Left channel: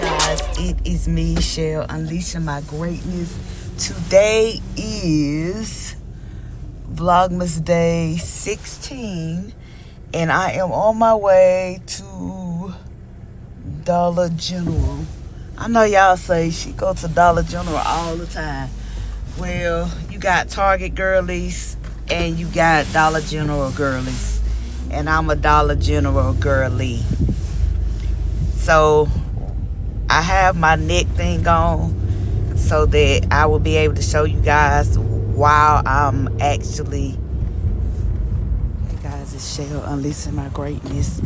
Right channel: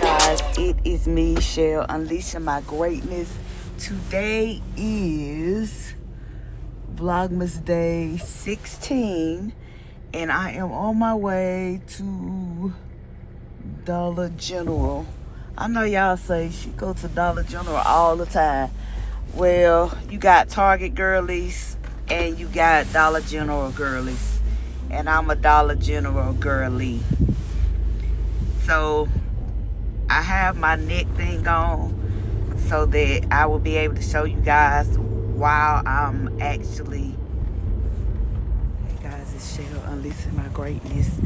Guys, it is me, Shell, unleashing my greatness. Today is Vlogmas Day 16, and I am on my way to Dollar General. I know y'all say she go to Dollar General all the time. Well, you got Target girlies and you got Dollar General girlies, and I'm a Dollar General girly. So I have my neck thing on so that I will be able to show you guys while I'm actually. Hey guys, it's Shell unleashing my greatness,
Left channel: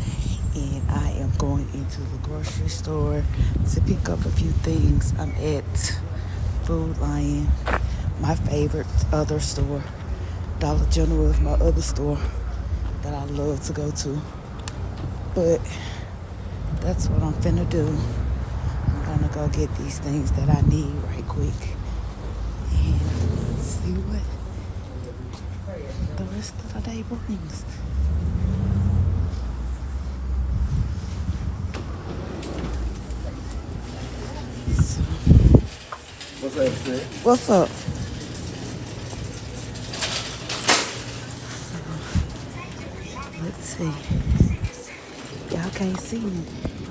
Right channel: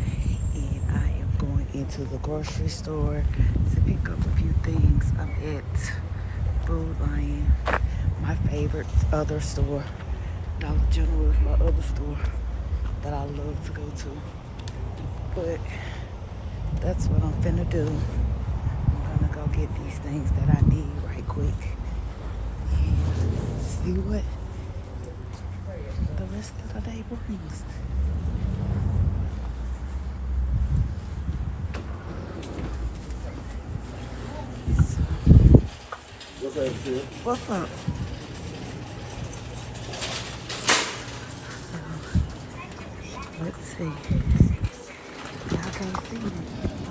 and I am going into the grocery store to pick up a few things. I'm at Food Lion, my favorite other store. Dollar General is my other store that I love to go to. But that's what I'm finna do. I'm gonna go get these things that I need right quick and see what the rest of the day brings. So, What's up, Sid? what's up? Let's see. Y'all can't see me.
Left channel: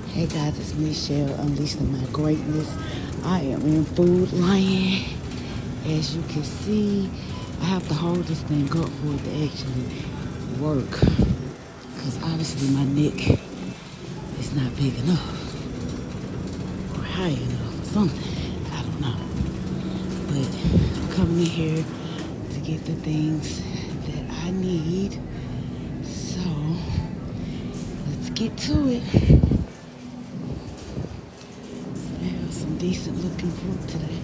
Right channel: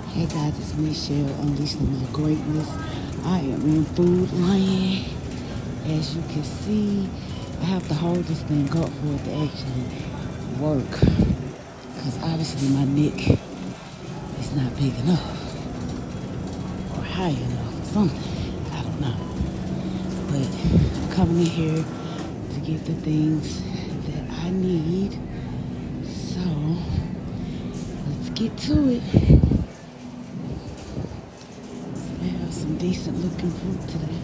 Hey guys, it's Michelle unleashing my greatness. I am in Food Lion. As you can see, I have to hold this thing up for it to actually work, because obviously my neck is not big enough or high enough or something. I don't know. But I'm coming in here to get the things that I need. So let's get to it. They have some decent looking fruit today.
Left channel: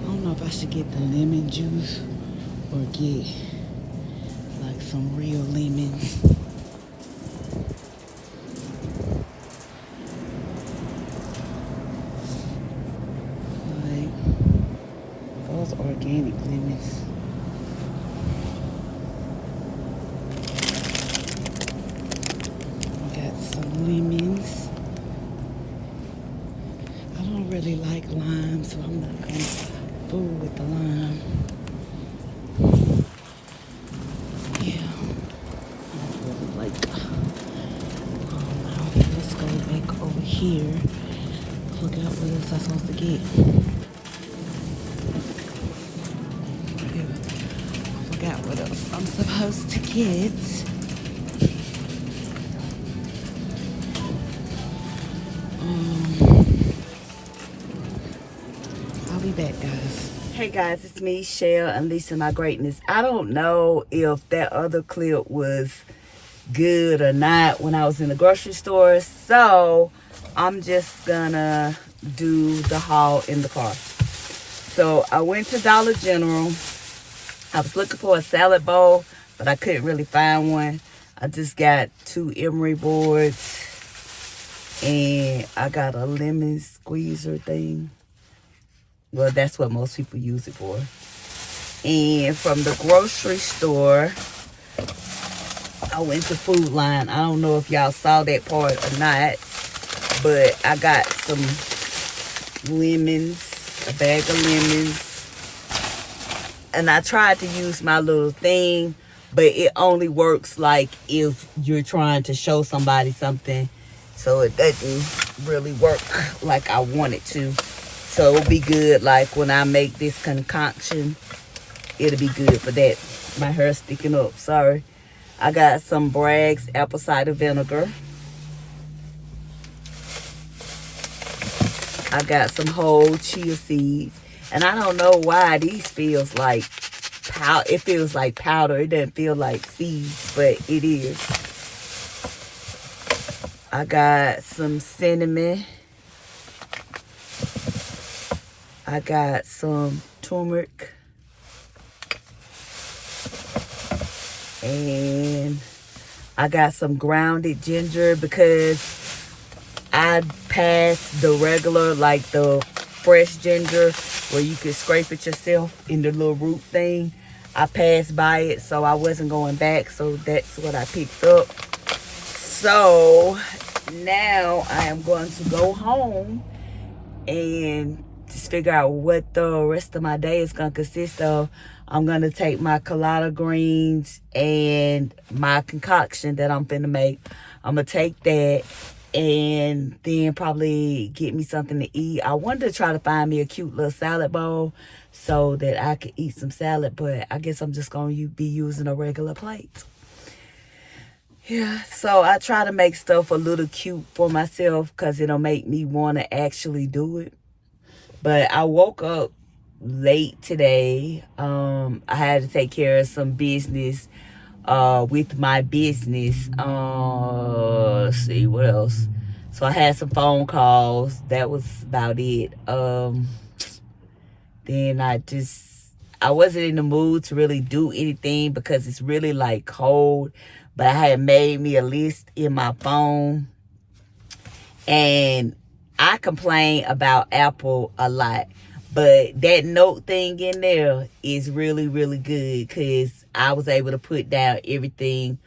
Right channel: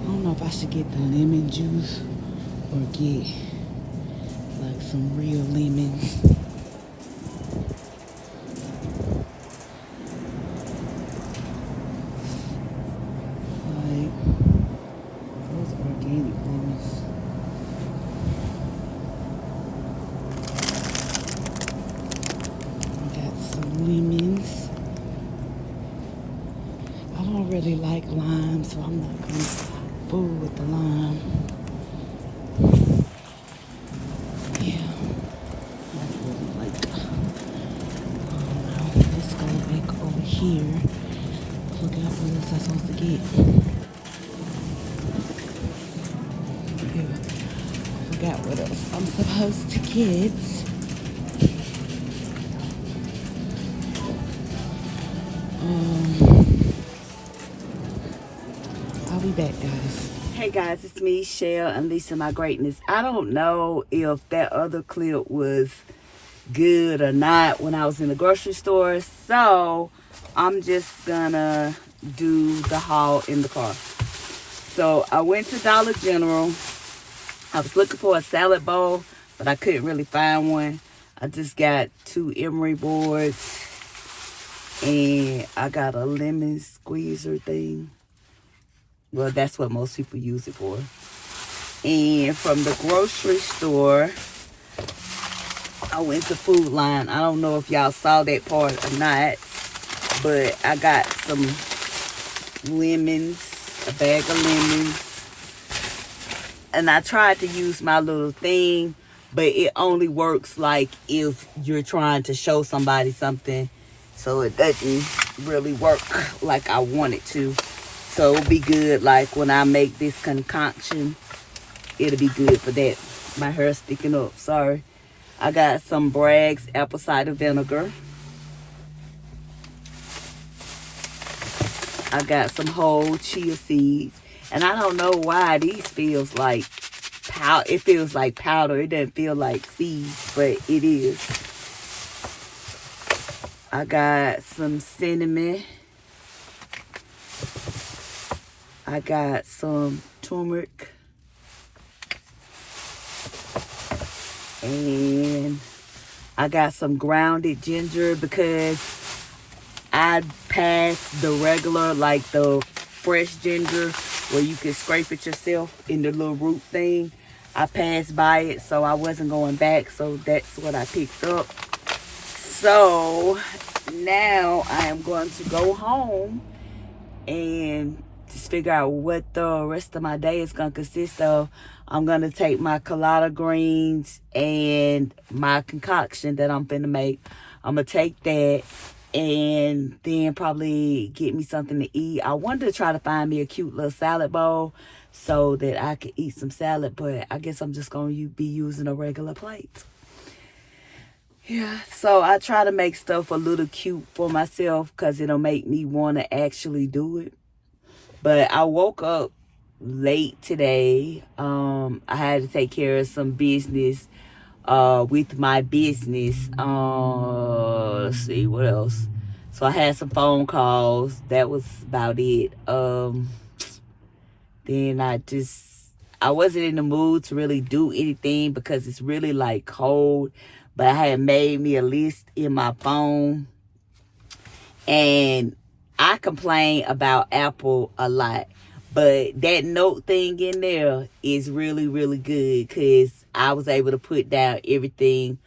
I don't know if I should get the lemon juice or get like some real lemons. Like those organic lemons. Got some lemons. I don't really like lime, so I'm not gonna fool with the lime. Yeah, I don't really like. Let's go back over here. Forgot what else I'm supposed to get. Yeah, forgot what else I'm supposed to get. I'll be back, guys. Hey guys, it's me, Shell, unleashing my greatness. I don't know if that other clip was good or not when I was in the grocery store, so I'm just gonna do the haul in the car. So I went to Dollar General. I was looking for a salad bowl, but I couldn't really find one. I just got 2 emery boards, and I got a lemon squeezer thing. Well, that's what most people use it for. And from the grocery store, I went to Food Line. I don't know if y'all saw that part or not, but I got some lemons, a bag of lemons. And I tried to use my little thing, but it only works like if you're trying to show somebody something. So it doesn't really work like I want it to. So it'll be good like when I make this concoction. It'll be good for that. My hair's sticking up, sorry. I got some Bragg's apple cider vinegar. I got some whole chia seeds. And I don't know why these feels like powder. It feels like powder. It doesn't feel like seeds, but it is. I got some cinnamon. I got some turmeric. And I got some grounded ginger because I passed the regular, like the fresh ginger where you can scrape it yourself in the little root thing. I passed by it, so I wasn't going back. So that's what I picked up. So now I am going to go home and just figure out what the rest of my day is going to consist of. I'm going to take my collard greens and my concoction that I'm finna make. I'm going to take that and then probably get me something to eat. I wanted to try to find me a cute little salad bowl so that I could eat some salad, but I guess I'm just going to be using a regular plate. Yeah, so I try to make stuff a little cute for myself because it'll make me want to actually do it. But I woke up late today. I had to take care of some business with my business. Let's see, what else? So I had some phone calls. That was about it. Then I wasn't in the mood to really do anything because it's really like cold. But I had made me a list in my phone. And I complain about Apple a lot. But that note thing in there is really, really good because I was able to put down everything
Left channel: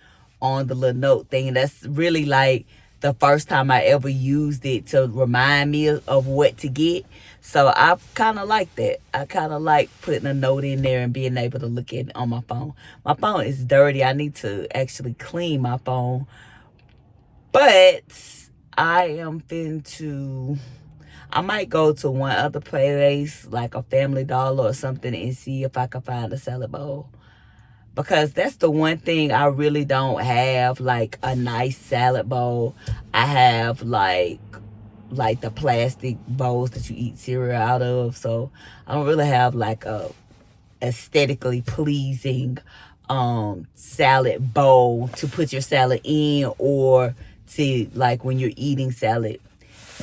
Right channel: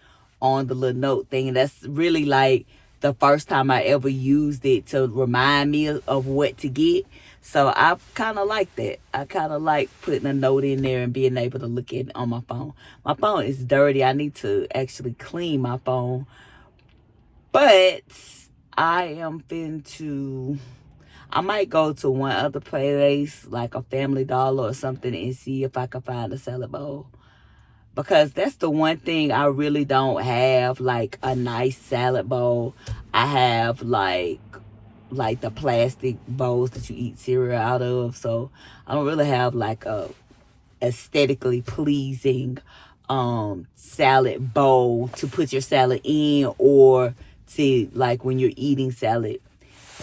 on the little note thing. And that's really like the first time I ever used it to remind me of what to get. So I kind of like that. I kind of like putting a note in there and being able to look at it on my phone. My phone is dirty. I need to actually clean my phone. But I might go to one other place, like a Family Dollar or something, and see if I can find a salad bowl. Because that's the one thing I really don't have, like a nice salad bowl. I have like the plastic bowls that you eat cereal out of. So I don't really have like a aesthetically pleasing salad bowl to put your salad in, or to like when you're eating salad.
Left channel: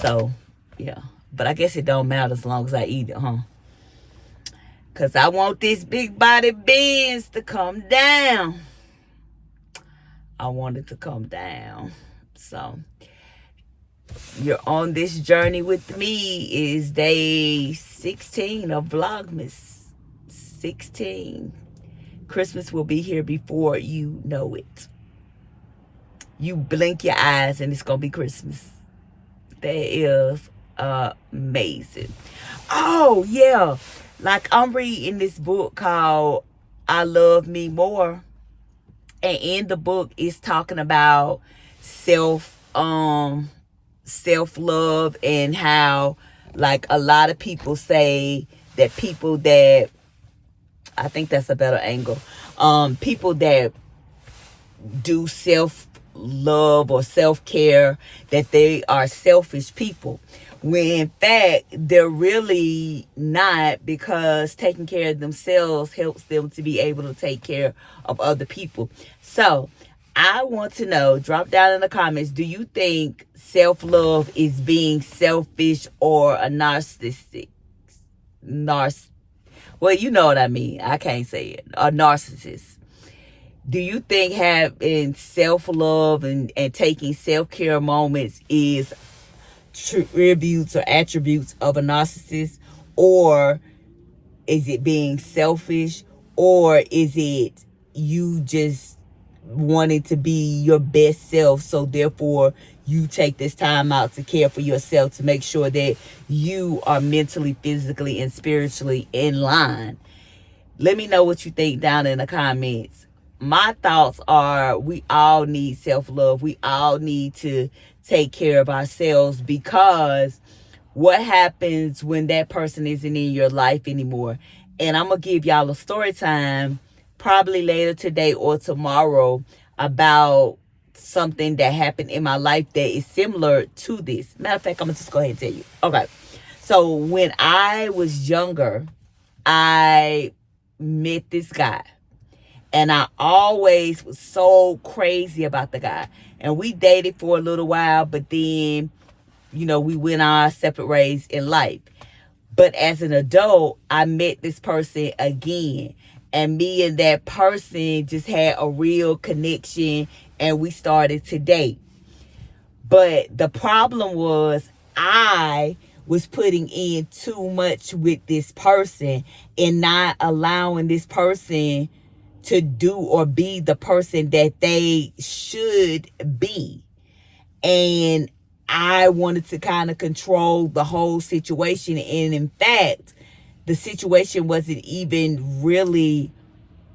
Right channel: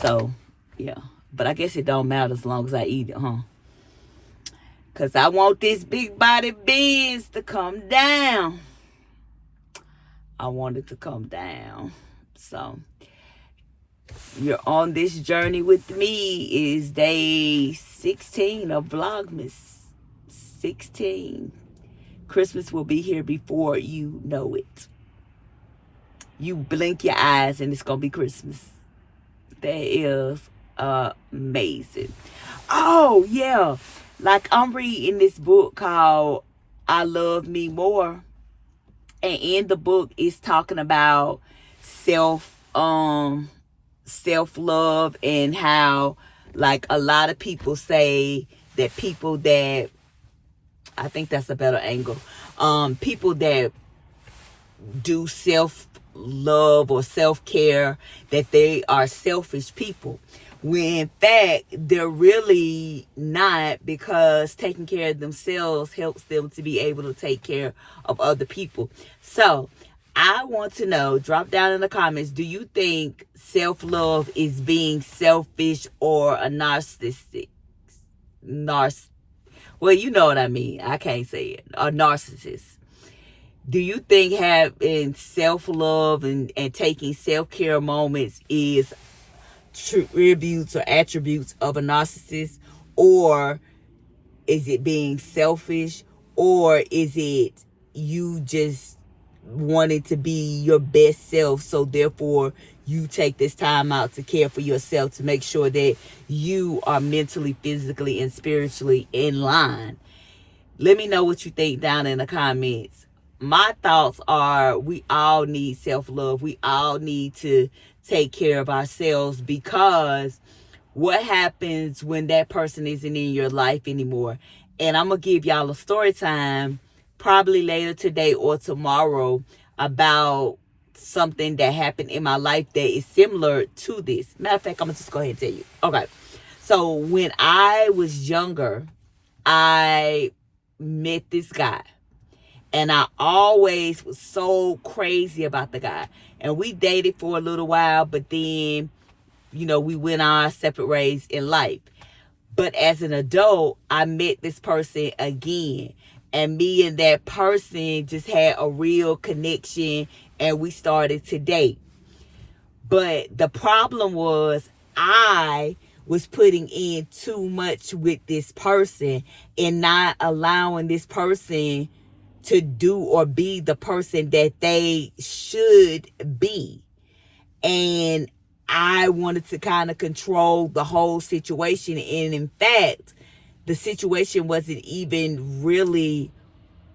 So yeah, but I guess it don't matter as long as I eat it, huh? Cause I want this big body beans to come down. I want it to come down. So you're on this journey with me. Is day 16 of Vlogmas. 16. Christmas will be here before you know it. You blink your eyes and it's gonna be Christmas. That is amazing. Oh yeah, like I'm reading this book called I Love Me More, and in the book it's talking about self-love and how like a lot of people say that people that, I think that's a better angle, people that do self-love or self-care, that they are selfish people, when in fact they're really not, because taking care of themselves helps them to be able to take care of other people. So I want to know, drop down in the comments, do you think self-love is being selfish or a narcissistic? Well, you know what I mean. I can't say it. A narcissist. Do you think having self-love and taking self-care moments is tributes or attributes of a narcissist? Or is it being selfish? Or is it you just wanting to be your best self, so therefore you take this time out to care for yourself, to make sure that you are mentally, physically, and spiritually in line? Let me know what you think down in the comments. My thoughts are, we all need self-love. We all need to take care of ourselves, because what happens when that person isn't in your life anymore? And I'm going to give y'all a story time probably later today or tomorrow about something that happened in my life that is similar to this. Matter of fact, I'm going to just go ahead and tell you. Okay. So when I was younger, I met this guy. And I always was so crazy about the guy. And we dated for a little while, but then, you know, we went our separate ways in life. But as an adult, I met this person again. And me and that person just had a real connection, and we started to date. But the problem was, I was putting in too much with this person and not allowing this person to do or be the person that they should be. And I wanted to kind of control the whole situation. And in fact, the situation wasn't even really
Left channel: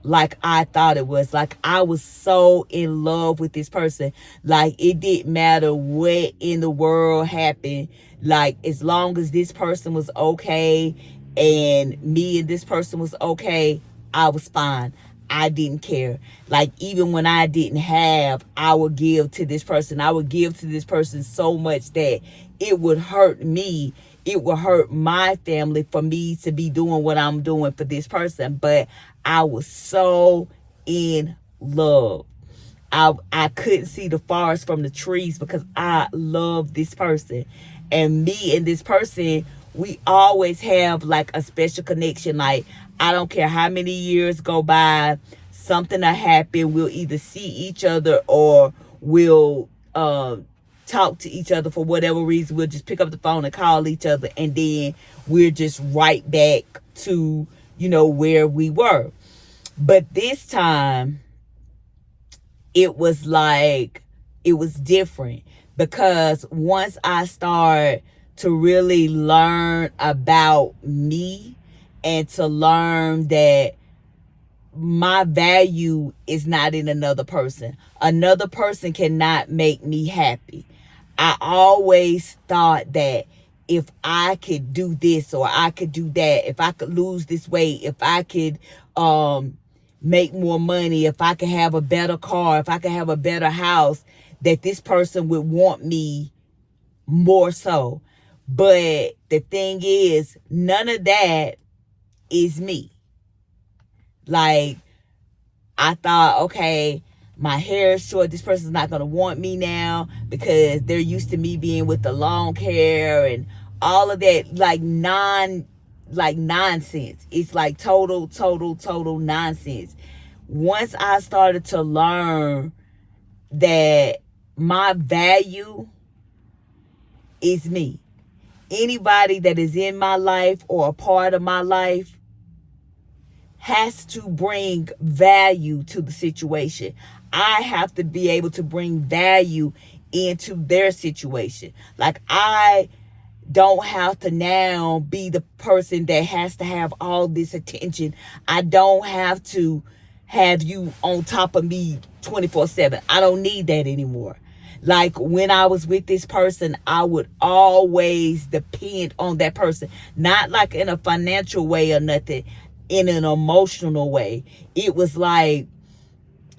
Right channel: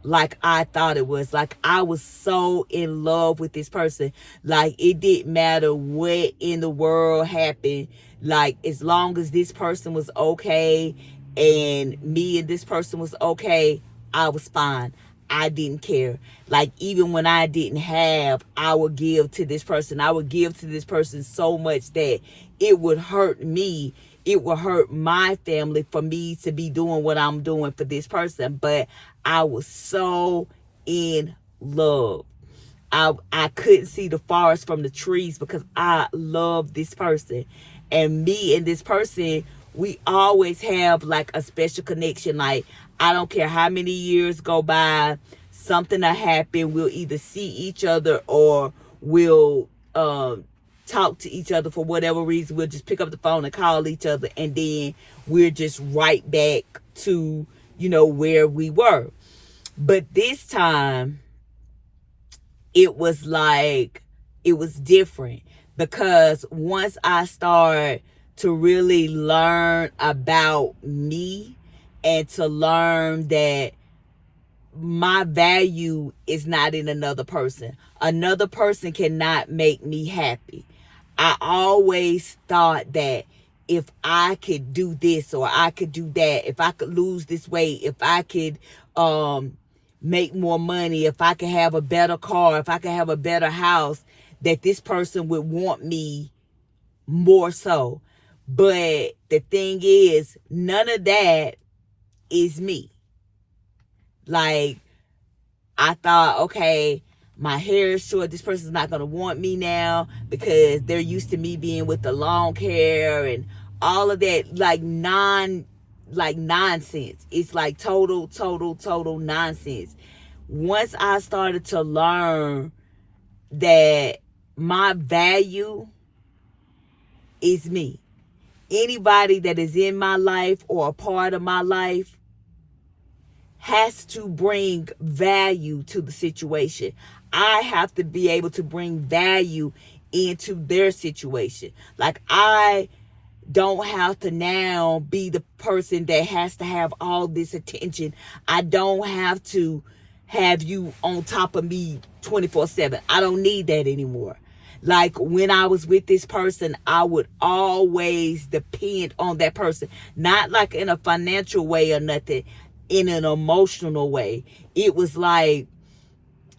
like I thought it was. Like, I was so in love with this person. Like, it didn't matter what in the world happened. Like, as long as this person was okay and me and this person was okay, I was fine. I didn't care. Like, even when I didn't have, I would give to this person. I would give to this person so much that it would hurt me. It would hurt my family for me to be doing what I'm doing for this person. But I was so in love. I couldn't see the forest from the trees because I love this person. And me and this person, we always have like a special connection. Like, I don't care how many years go by, something will happen. We'll either see each other or we'll talk to each other for whatever reason. We'll just pick up the phone and call each other, and then we're just right back to, where we were. But this time, it was different, because once I started to really learn about me and to learn that my value is not in another person. Another person cannot make me happy. I always thought that if I could do this or I could do that, if I could lose this weight, if I could make more money, if I could have a better car, if I could have a better house, that this person would want me more so. But the thing is, none of that is me. Like, I thought, okay, my hair is short. This person's not going to want me now because they're used to me being with the long hair and all of that, like nonsense. It's like total nonsense. Once I started to learn that my value is me, anybody that is in my life or a part of my life has to bring value to the situation. I have to be able to bring value into their situation. Like, I don't have to now be the person that has to have all this attention. I don't have to have you on top of me 24/7. I don't need that anymore. Like, when I was with this person, I would always depend on that person. Not like in a financial way or nothing, in an emotional way. It was like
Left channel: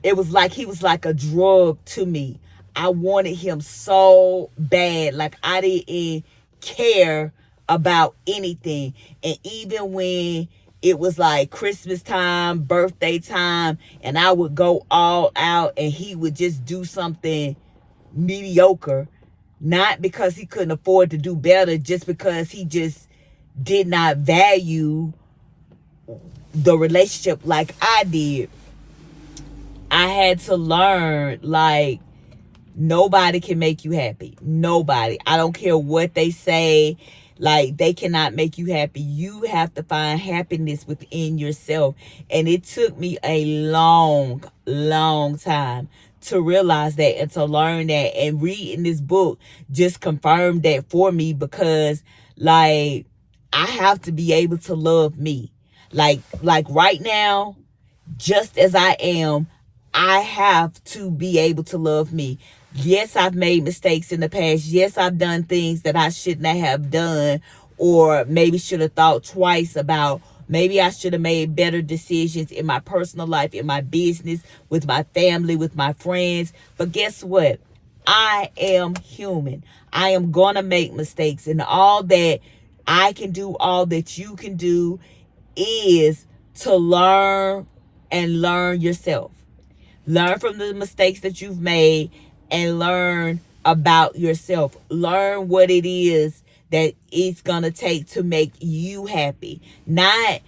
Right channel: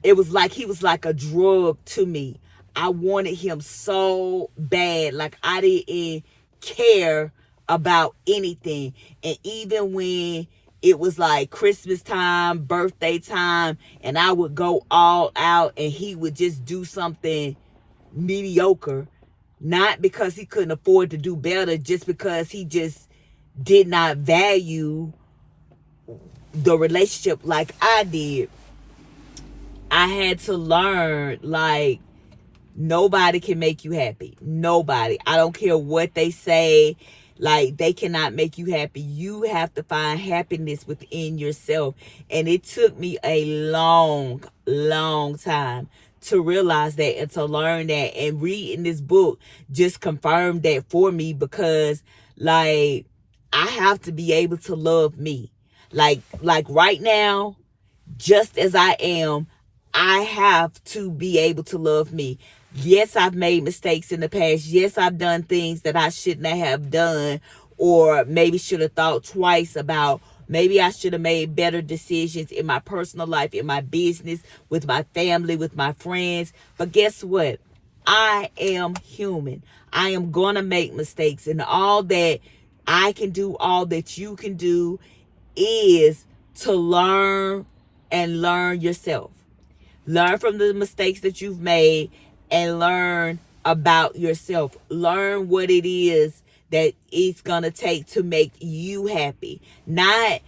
he was like a drug to me. I wanted him so bad. Like, I didn't care about anything. And even when it was like Christmas time, birthday time, and I would go all out and he would just do something mediocre, not because he couldn't afford to do better, just because he just did not value the relationship like I did. I had to learn, like, nobody can make you happy. Nobody. I don't care what they say. Like, they cannot make you happy. You have to find happiness within yourself. And it took me a long time to realize that and to learn that. And reading this book just confirmed that for me, because, like, I have to be able to love me. Like right now, just as I am, I have to be able to love me. Yes, I've made mistakes in the past. Yes, I've done things that I shouldn't have done, or maybe should have thought twice about. Maybe I should have made better decisions in my personal life, in my business, with my family, with my friends. But guess what? I am human. I am going to make mistakes, and all that I can do, all that you can do, is to learn and learn yourself. Learn from the mistakes that you've made and learn about yourself. Learn what it is that it's going to take to make you happy. Not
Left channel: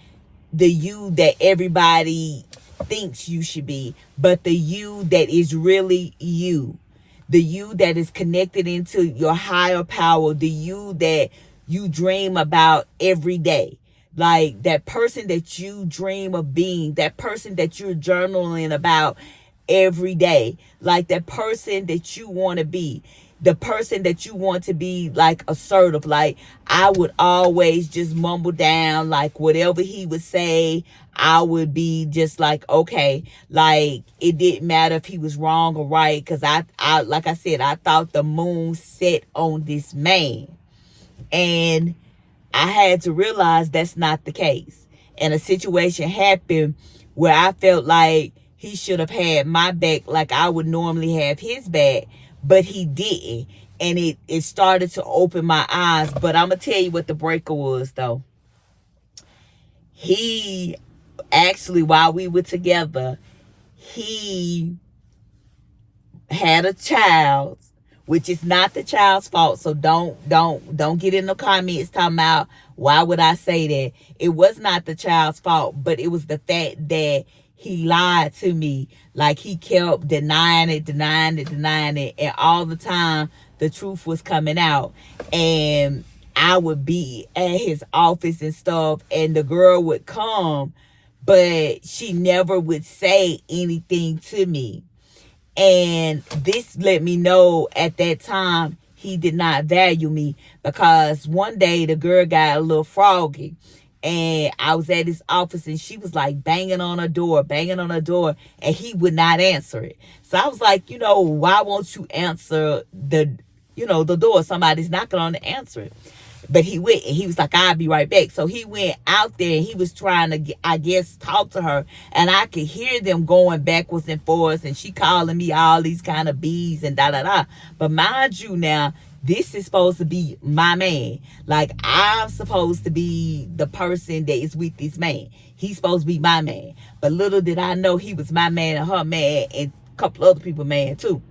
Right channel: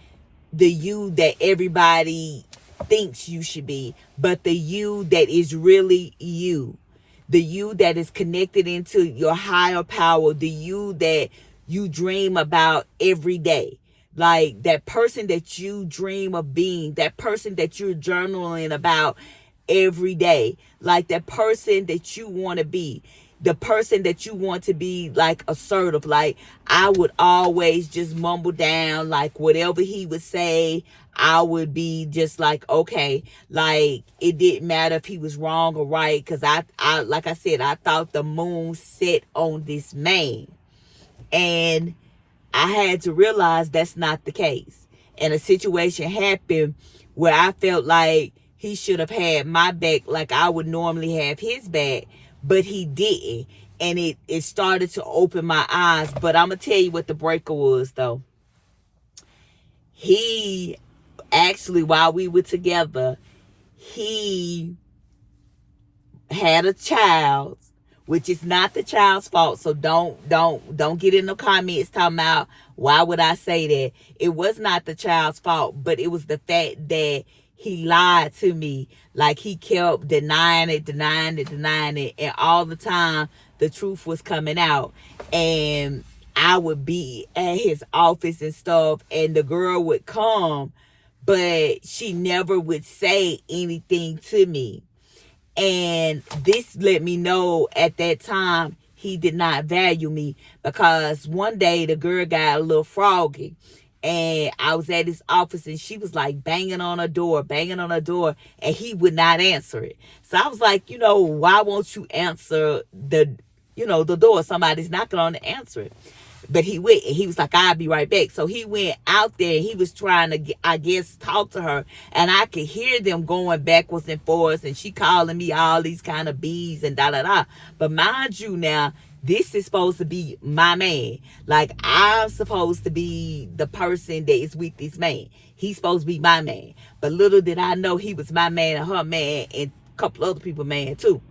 the you that everybody thinks you should be, but the you that is really you. The you that is connected into your higher power. The you that you dream about every day. Like that person that you dream of being, that person that you're journaling about every day, like that person that you want to be, the person that you want to be, like assertive. Like I would always just mumble down, like whatever he would say, I would be just like, okay, like it didn't matter if he was wrong or right, because I like I said, I thought the moon set on this man. And I had to realize that's not the case. And a situation happened where I felt like he should have had my back like I would normally have his back, but he didn't. And it started to open my eyes. But I'm going to tell you what the breaker was, though. He actually, while we were together, he had a child, which is not the child's fault. So don't get in the comments talking about why would I say that. It was not the child's fault, but it was the fact that he lied to me. Like he kept denying it, and all the time the truth was coming out. And I would be at his office and stuff, and the girl would come, but she never would say anything to me. And this let me know at that time he did not value me, because one day the girl got a little froggy, and I was at his office and she was like banging on her door, and he would not answer it. So I was like, why won't you answer the door? Somebody's knocking on the answer it. But he went, and he was like, I'll be right back. So he went out there and he was trying to, I guess, talk to her. And I could hear them going backwards and forwards, and she calling me all these kind of B's and da-da-da. But mind you now, this is supposed to be my man. Like, I'm supposed to be the person that is with this man. He's supposed to be my man. But little did I know he was my man and her man and a couple other people man too.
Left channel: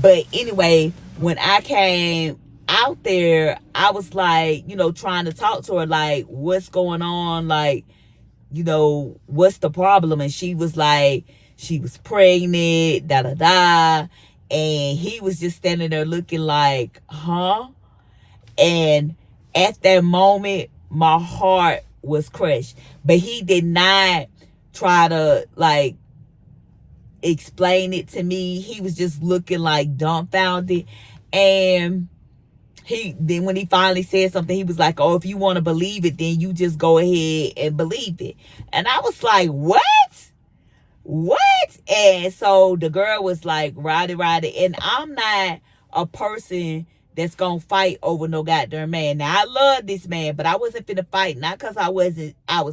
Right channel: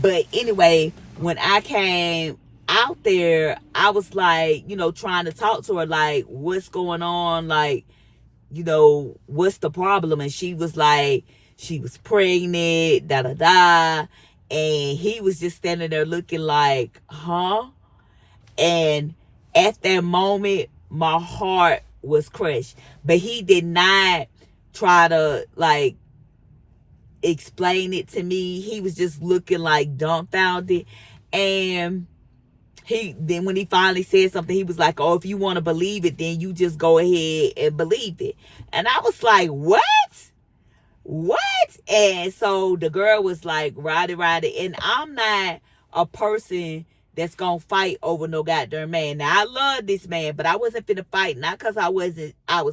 But anyway, when I came out there, I was like, trying to talk to her, like, what's going on? Like, what's the problem? And she was like, she was pregnant, da-da-da. And he was just standing there looking like, huh? And at that moment, my heart was crushed. But he did not try to, like, explain it to me. He was just looking like dumbfounded. And then when he finally said something, he was like, oh, if you want to believe it, then you just go ahead and believe it. And I was like, what? And so the girl was like, ride it. And I'm not a person that's gonna fight over no goddamn man. Now, I love this man, but I wasn't finna fight, not because I was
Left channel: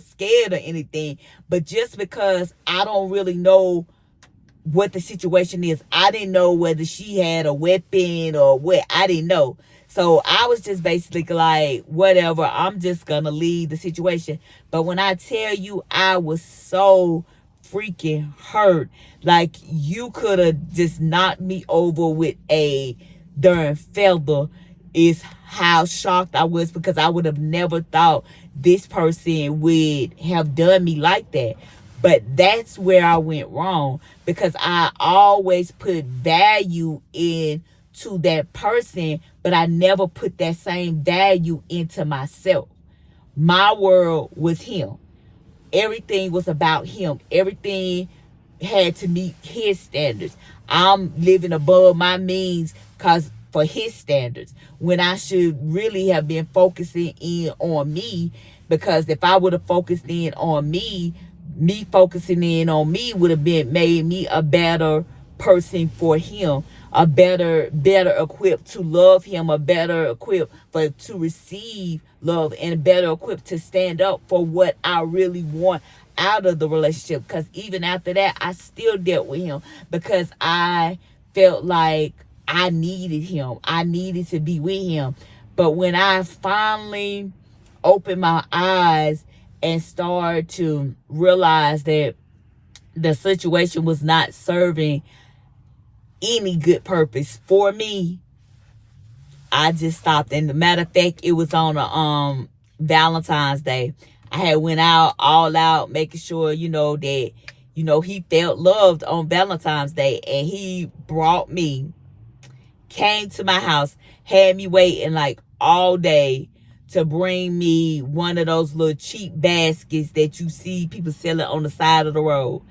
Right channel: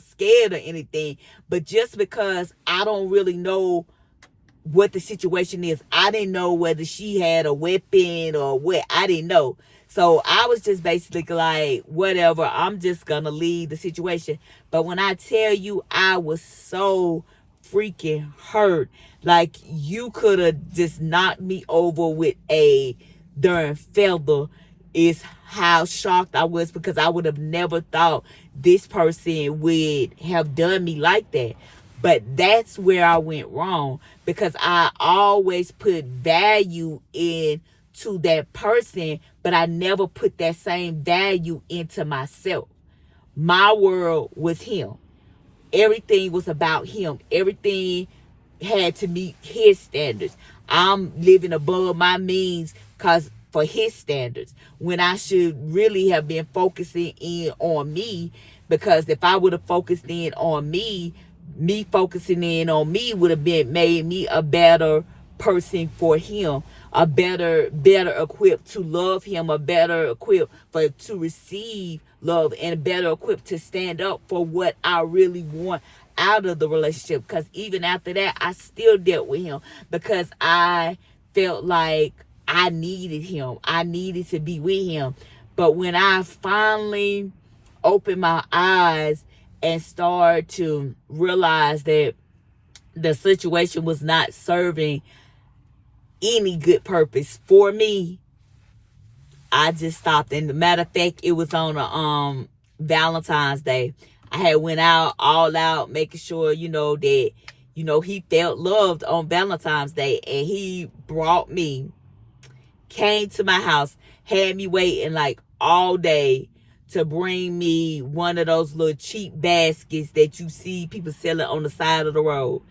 scared or anything, but just because I don't really know what the situation is. I didn't know whether she had a weapon or what. I didn't know. So I was just basically like, whatever, I'm just gonna leave the situation. But when I tell you, I was so freaking hurt. Like, you could have just knocked me over with a darn feather, is how shocked I was, because I would have never thought this person would have done me like that. But that's where I went wrong, because I always put value into that person, but I never put that same value into myself. My world was him. Everything was about him. Everything had to meet his standards. I'm living above my means for his standards, when I should really have been focusing in on me, because if I would have focused in on me focusing in on me would have made me a better person for him, a better equipped to love him, a better equipped to receive love, and better equipped to stand up for what I really want out of the relationship. Because even after that, I still dealt with him, because I felt like I needed him. I needed to be with him. But when I finally opened my eyes and start to realize that the situation was not serving any good purpose for me, I just stopped. And the matter of fact, it was on a Valentine's Day. I had went out all out, making sure, that, he felt loved on Valentine's Day. And he came to my house, had me waiting like all day, to bring me one of those little cheap baskets that you see people selling on the side of the road.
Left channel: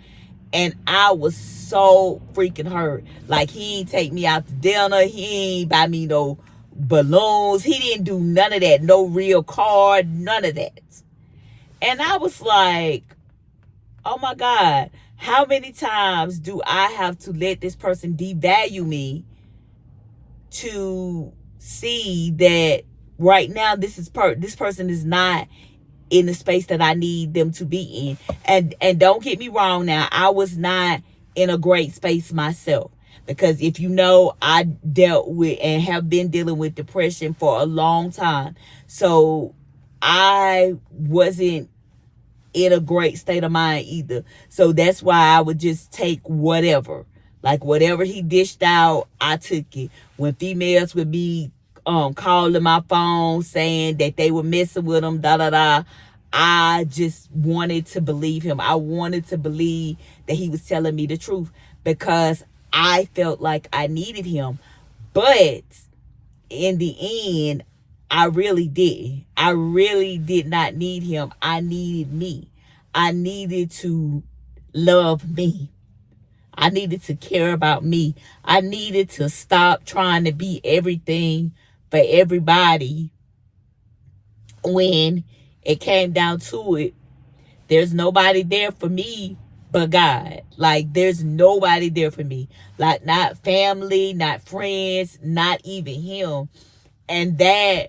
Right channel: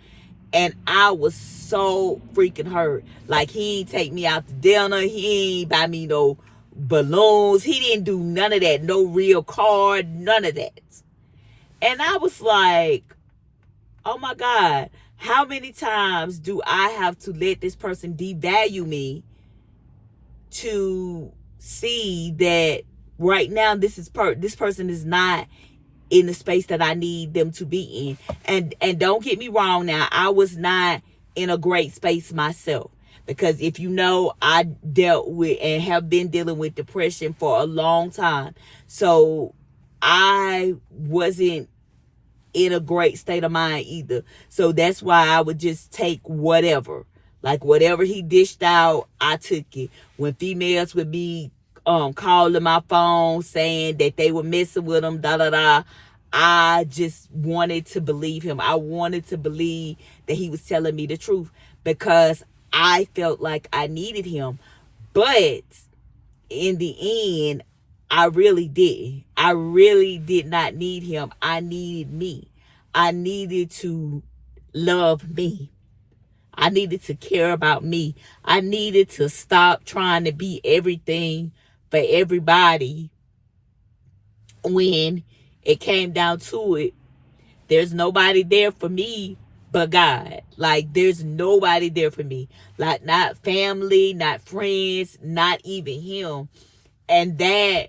And I was so freaking hurt. Like, he ain't take me out to dinner. He ain't buy me no balloons. He didn't do none of that. No real card, none of that. And I was like, oh my God, how many times do I have to let this person devalue me to see that right now this person is not in the space that I need them to be in? And don't get me wrong now, I was not in a great space myself. Because if you know, I dealt with and have been dealing with depression for a long time. So I wasn't in a great state of mind either. So that's why I would just take whatever. Like, whatever he dished out, I took it. When females would be calling my phone saying that they were messing with him, I just wanted to believe him. I wanted to believe that he was telling me the truth because I felt like I needed him. But in the end, I really did. I really did not need him. I needed me. I needed to love me. I needed to care about me. I needed to stop trying to be everything for everybody. When it came down to it, there's nobody there for me but God. Like, there's nobody there for me. Like, not family, not friends, not even him. And that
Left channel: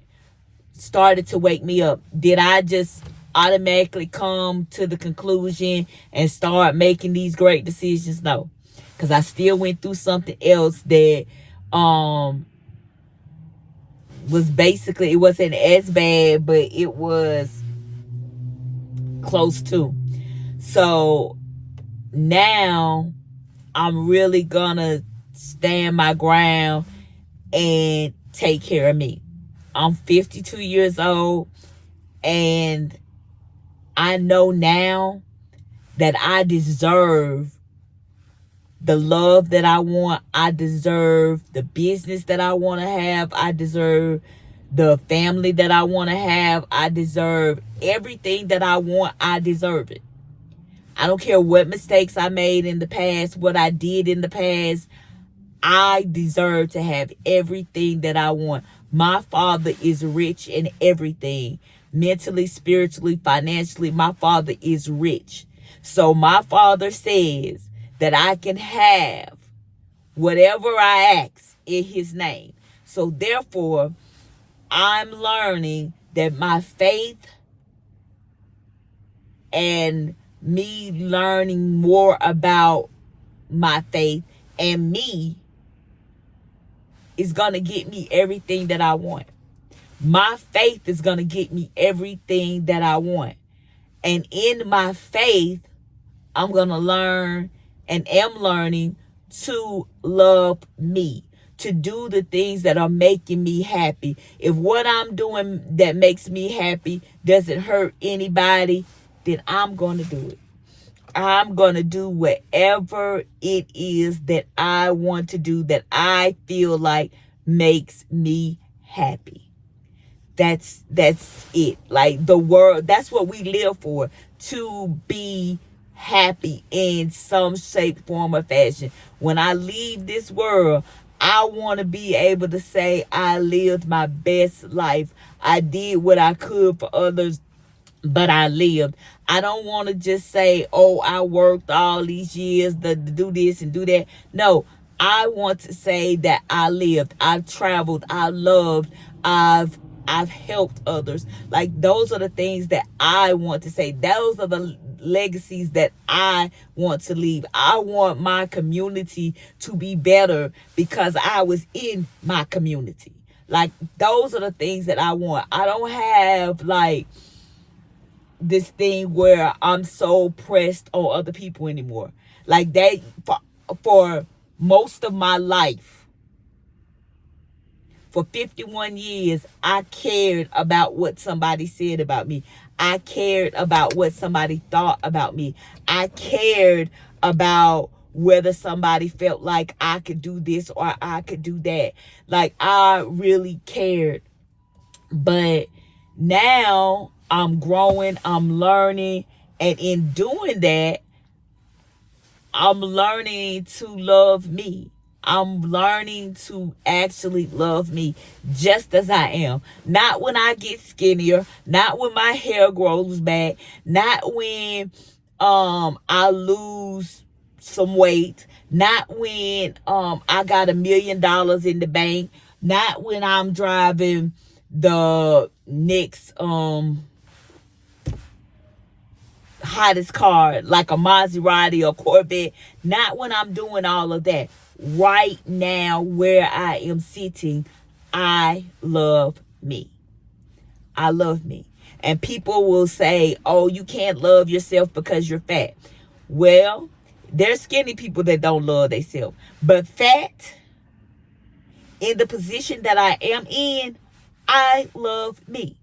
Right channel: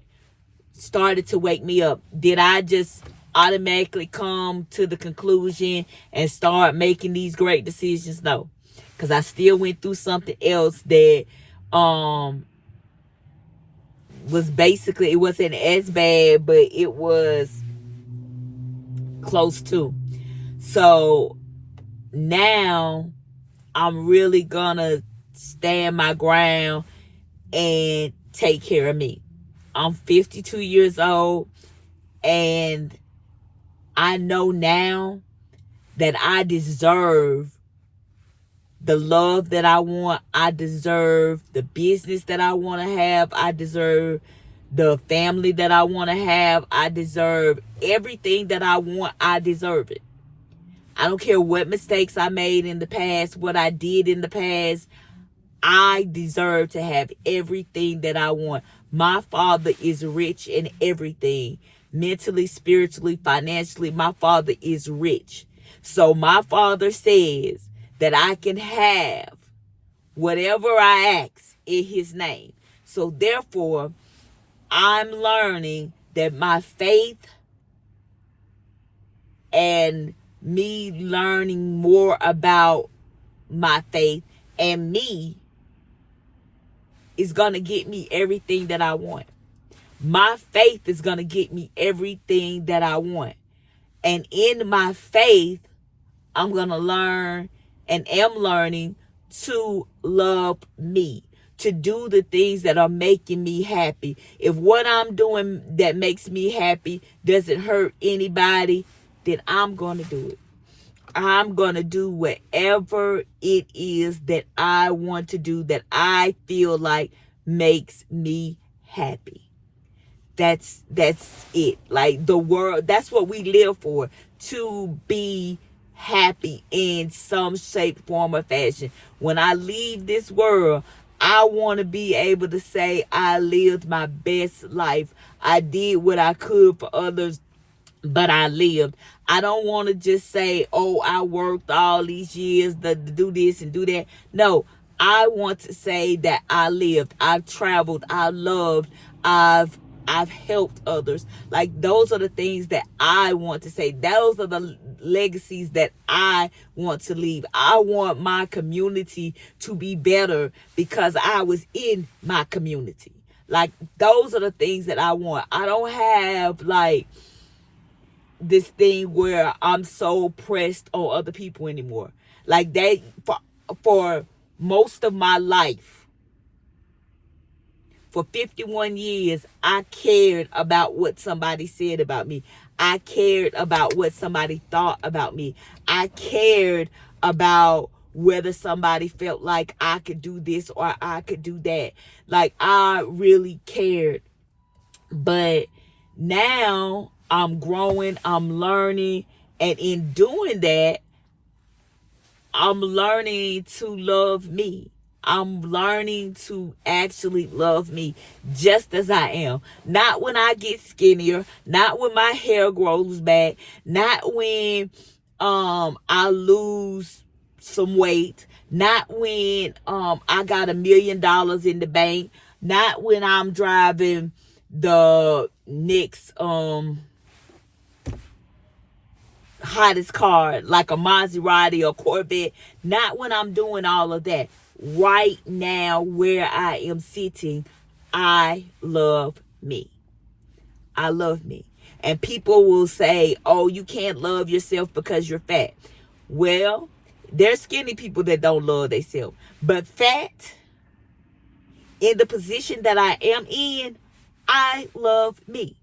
started to wake me up. Did I just automatically come to the conclusion and start making these great decisions? No. Because I still went through something else that was basically, it wasn't as bad, but it was close to. So now I'm really gonna stand my ground and take care of me. I'm 52 years old, and I know now that I deserve the love that I want. I deserve the business that I want to have. I deserve the family that I want to have. I deserve everything that I want. I deserve it. I don't care what mistakes I made in the past, what I did in the past. I deserve to have everything that I want. My father is rich in everything. Mentally, spiritually, financially, my father is rich. So my father says that I can have whatever I ask in his name. So therefore, I'm learning that my faith and me learning more about my faith and me is going to get me everything that I want. My faith is going to get me everything that I want. And in my faith, I'm going to learn and am learning to love me, to do the things that are making me happy. If what I'm doing that makes me happy doesn't hurt anybody, then I'm going to do it. I'm going to do whatever it is that I want to do that I feel like makes me happy. That's it. Like, the world, that's what we live for, to be happy in some shape, form, or fashion. When I leave this world, I want to be able to say I lived my best life. I did what I could for others, but I lived. I don't want to just say, oh, I worked all these years to do this and do that. No, I want to say that I lived. I've traveled. I loved. I've helped others. Like, those are the things that I want to say. Those are the legacies that I want to leave. I want my community to be better because I was in my community. Like, those are the things that I want. I don't have, like, this thing where I'm so pressed on other people anymore. Like, that for most of my life, for 51 years, I cared about what somebody said about me. I cared about what somebody thought about me. I cared about whether somebody felt like I could do this or I could do that. Like, I really cared. But Now I'm growing, I'm learning, and in doing that, I'm learning to love me. I'm learning to actually love me just as I am. Not when I get skinnier, not when my hair grows back, not when I lose some weight, not when I got $1 million in the bank, not when I'm driving the next hottest car like a Maserati or Corvette. Not when I'm doing all of that. Right now, where I am sitting, I love me. I love me. And people will say, oh, you can't love yourself because you're fat. Well, there's skinny people that don't love themselves. But fat, in the position that I am in, I love me.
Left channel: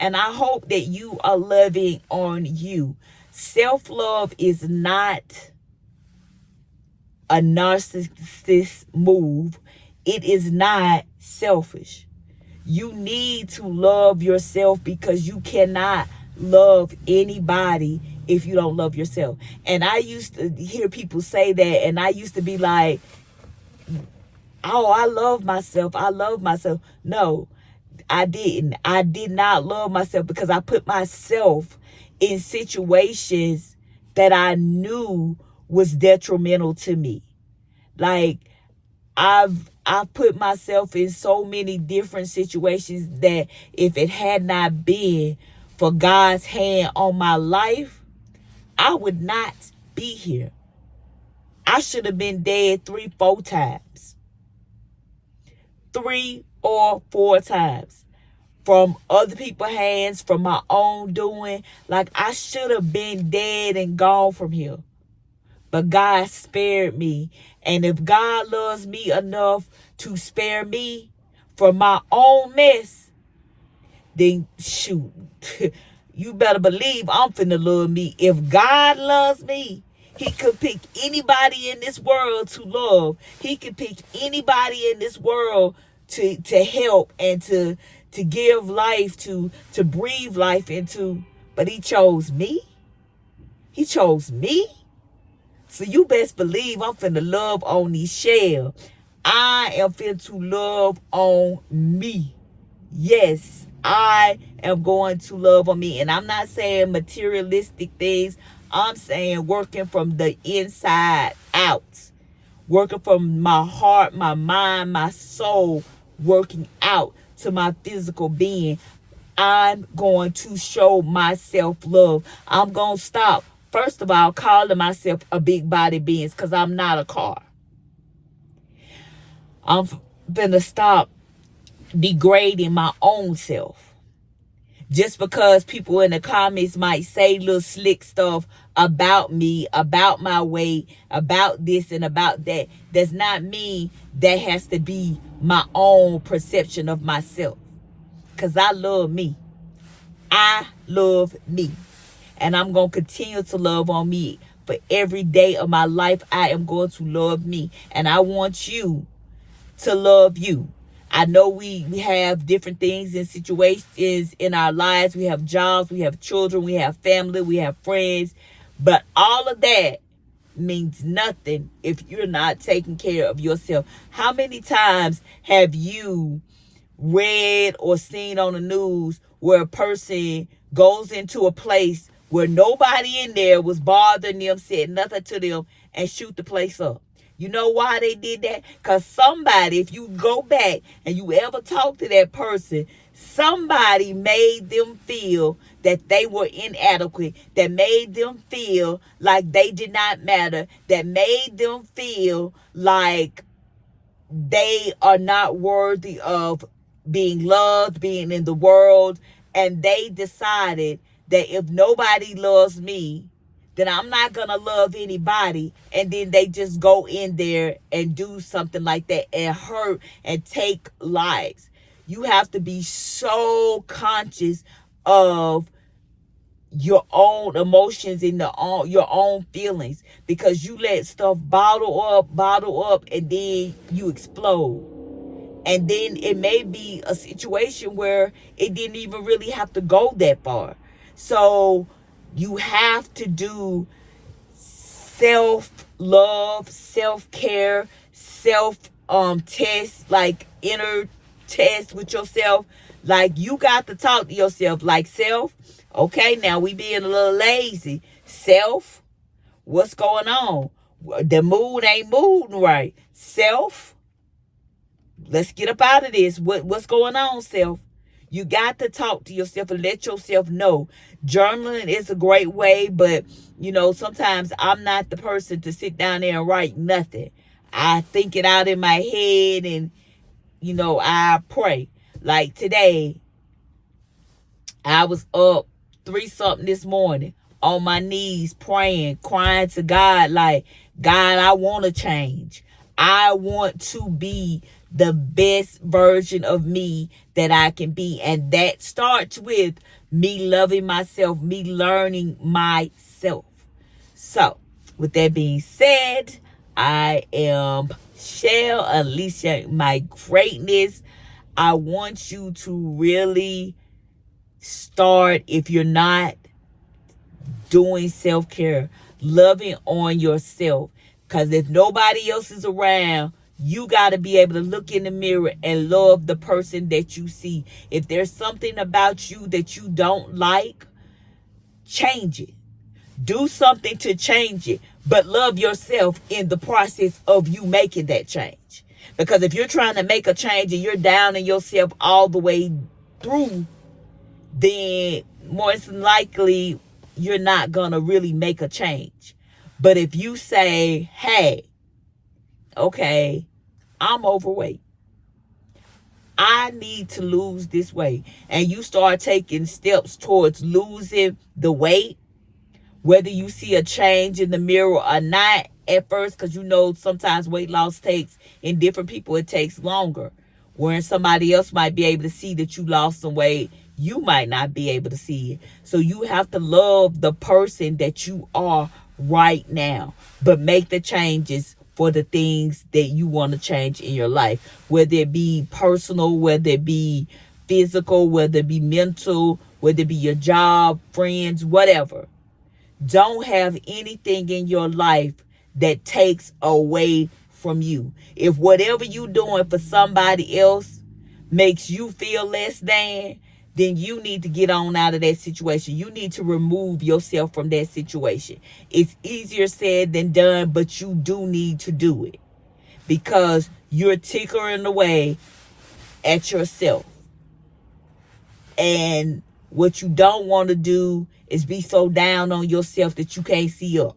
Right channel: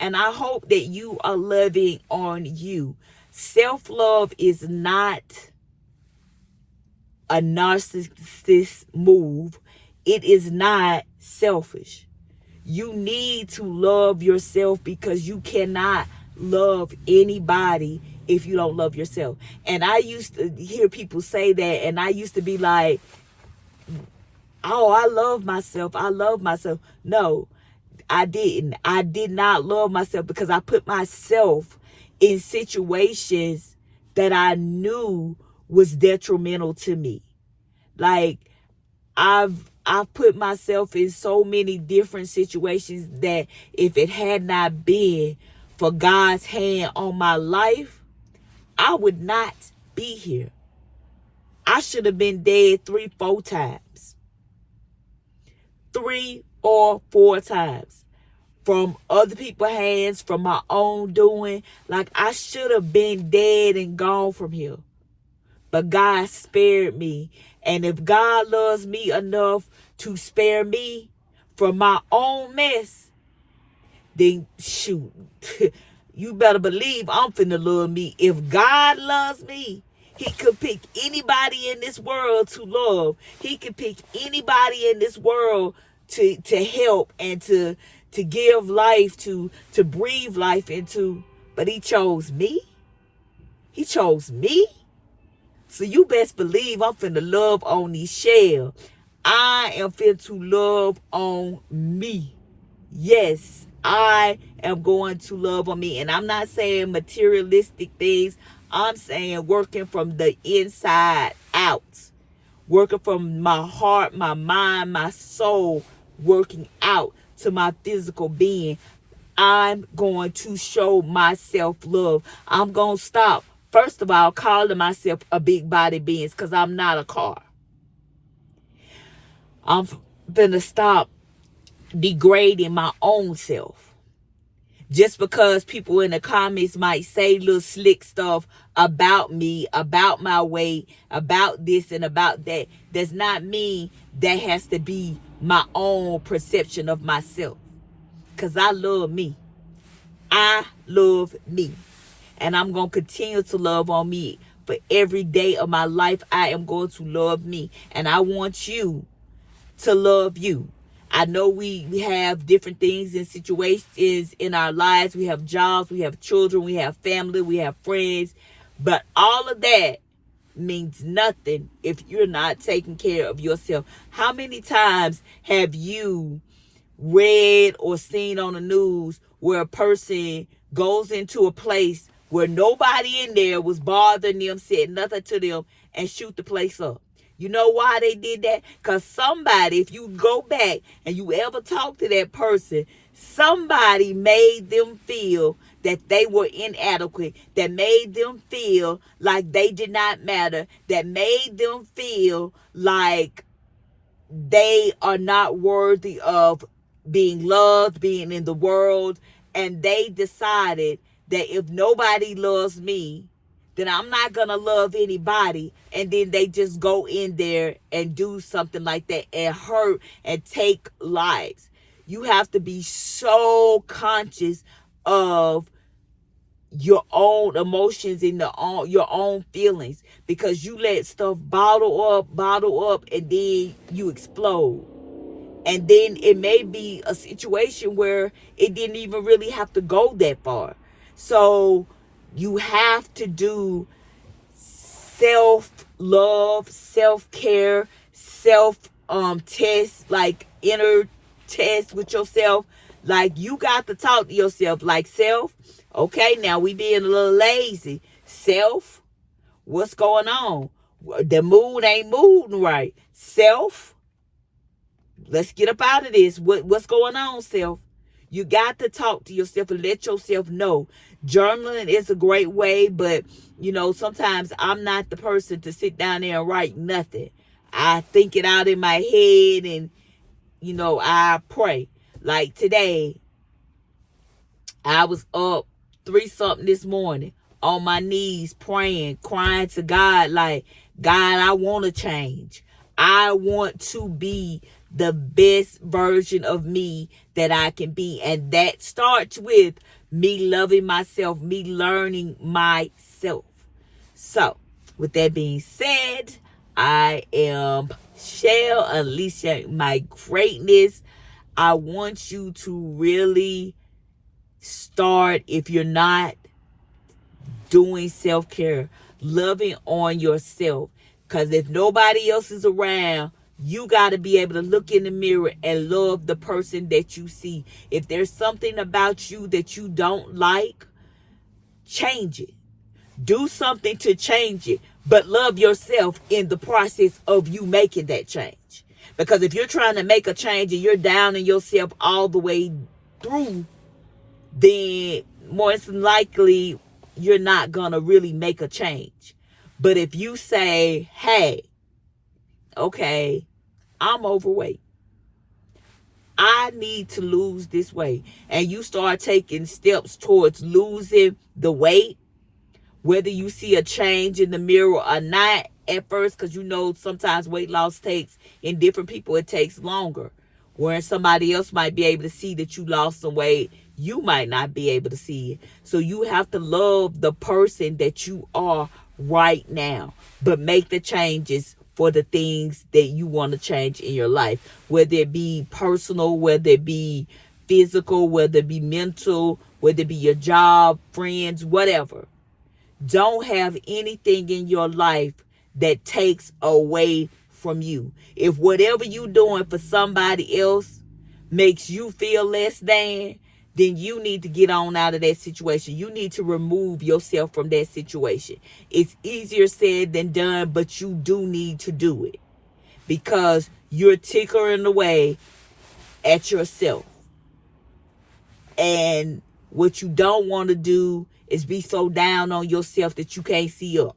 And I hope that you are loving on you. Self-love is not a narcissist move. It is not selfish. You need to love yourself because you cannot love anybody if you don't love yourself. And I used to hear people say that, and I used to be like, oh, I love myself. I love myself. No, I didn't. I did not love myself because I put myself in situations that I knew was detrimental to me. Like I've put myself in so many different situations that if it had not been for God's hand on my life, I would not be here. I should have been dead 3-4 times. 3 or 4 times. From other people's hands, from my own doing. Like I should have been dead and gone from here. But God spared me. And if God loves me enough to spare me from my own mess, then shoot, you better believe I'm finna love me. If God loves me, he could pick anybody in this world to love. He could pick anybody in this world to help and to give life, to breathe life into. But he chose me. He chose me. So you best believe I'm finna love on these shell. I am finna to love on me. Yes, I am going to love on me. And I'm not saying materialistic things. I'm saying working from the inside out. Working from my heart, my mind, my soul. Working out to my physical being. I'm going to show myself love. I'm going to stop, first of all, calling myself a big body being because I'm not a car. I'm going to stop degrading my own self. Just because people in the comments might say little slick stuff about me, about my weight, about this and about that, does not mean that has to be my own perception of myself. Because I love me. I love me. And I'm going to continue to love on me. For every day of my life, I am going to love me. And I want you to love you. I know we have different things and situations in our lives. We have jobs, we have children, we have family, we have friends. But all of that means nothing if you're not taking care of yourself. How many times have you read or seen on the news where a person goes into a place where nobody in there was bothering them, said nothing to them, and shoot the place up? You know why they did that? Because somebody, if you go back and you ever talk to that person, somebody made them feel that they were inadequate, that made them feel like they did not matter, that made them feel like they are not worthy of being loved, being in the world. And they decided that if nobody loves me, then I'm not going to love anybody. And then they just go in there and do something like that and hurt and take lives. You have to be so conscious of your own emotions and your own feelings, because you let stuff bottle up, and then you explode. And then it may be a situation where it didn't even really have to go that far. So you have to do self-love, self-care, test, like inner test with yourself. Like, you got to talk to yourself like, self, okay, now we being a little lazy. Self, what's going on? The mood ain't moving right. Self, let's get up out of this. What's going on, self? You got to talk to yourself and let yourself know. Journaling is a great way, but sometimes I'm not the person to sit down there and write nothing. I think it out in my head, and I pray. Like today, I was up 3 something this morning on my knees praying, crying to God, like, God, I want to change. I want to be the best version of me that I can be. And that starts with me loving myself, me learning myself. So, with that being said, I am Shell, unleashing my greatness. I want you to really start, if you're not doing self-care, loving on yourself. Because if nobody else is around, you got to be able to look in the mirror and love the person that you see. If there's something about you that you don't like, change it. Do something to change it, but love yourself in the process of you making that change. Because if you're trying to make a change and you're down in yourself all the way through, then more than likely you're not going to really make a change. But if you say, hey, okay, I'm overweight, I need to lose this weight, and you start taking steps towards losing the weight, whether you see a change in the mirror or not at first, because sometimes weight loss takes, in different people, it takes longer. Whereas somebody else might be able to see that you lost some weight, you might not be able to see it. So you have to love the person that you are right now, but make the changes for the things that you want to change in your life, whether it be personal, whether it be physical, whether it be mental, whether it be your job, friends, whatever. Don't have anything in your life that takes away from you. If whatever you're doing for somebody else makes you feel less than, then you need to get on out of that situation. You need to remove yourself from that situation. It's easier said than done, but you do need to do it, because you're tinkering away at yourself. And what you don't want to do is be so down on yourself that you can't see up.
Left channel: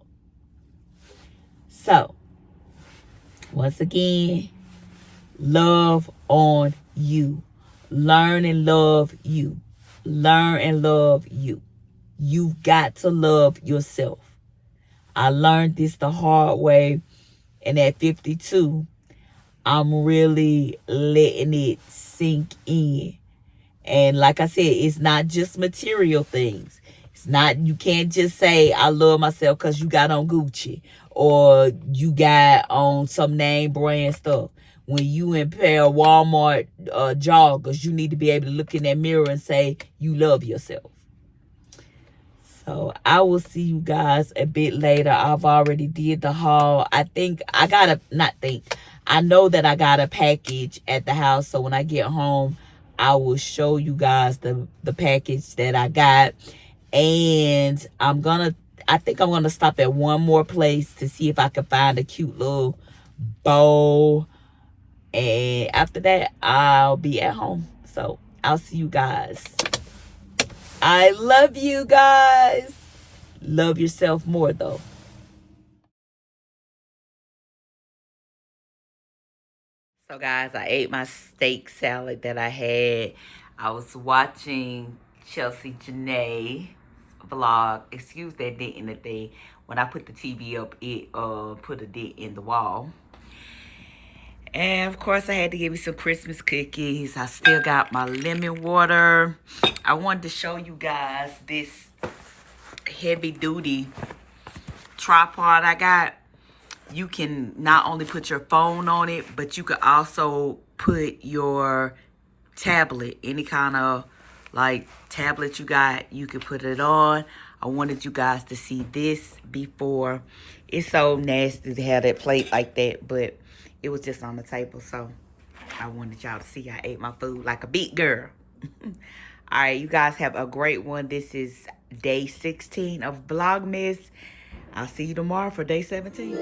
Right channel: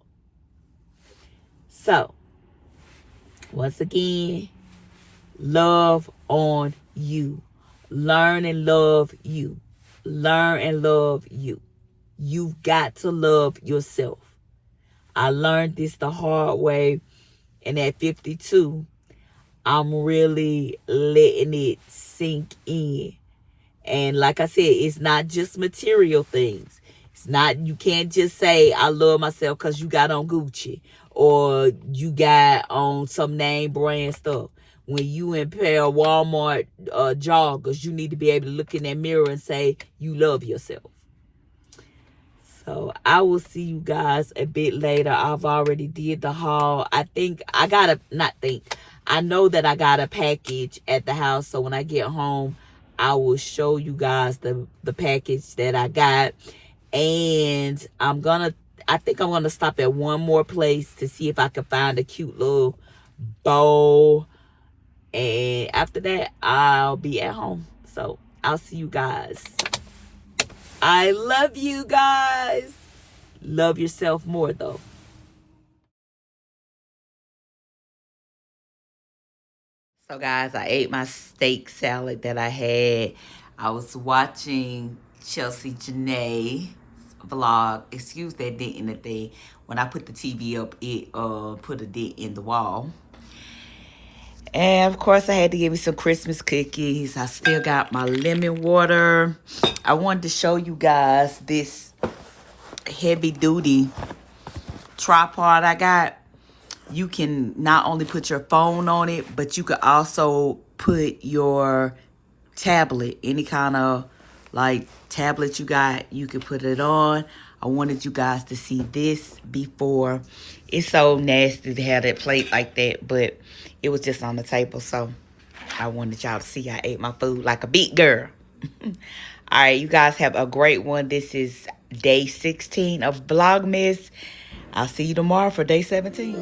So, once again, love on you. Learn and love you. Learn and love you. You've got to love yourself. I learned this the hard way, and at 52, I'm really letting it sink in. And like I said, it's not just material things. It's not, you can't just say, I love myself because you got on Gucci or you got on some name brand stuff. When you in pair of Walmart joggers, you need to be able to look in that mirror and say, you love yourself. So I will see you guys a bit later. I've already did the haul. I know that I got a package at the house. So when I get home, I will show you guys the package that I got. And I think I'm going to stop at one more place to see if I can find a cute little bow. And after that, I'll be at home. So I'll see you guys. I love you guys. Love yourself more, though. So, guys, I ate my steak salad that I had. I was watching Chelsea Janae's vlog. Excuse that dent in the thing. When I put the TV up, it put a dent in the wall. And, of course, I had to give me some Christmas cookies. I still got my lemon water. I wanted to show you guys this heavy-duty tripod I got. you can not only put your phone on it, but you could also put your tablet, any kind of like tablet you got, you could put it on. I wanted you guys to see this before. It's so nasty to have that plate like that, but it was just on the table, so I wanted y'all to see I ate my food like a big girl. All right, you guys have a great one. This is day 16 of Vlogmas. I'll see you tomorrow for day 17.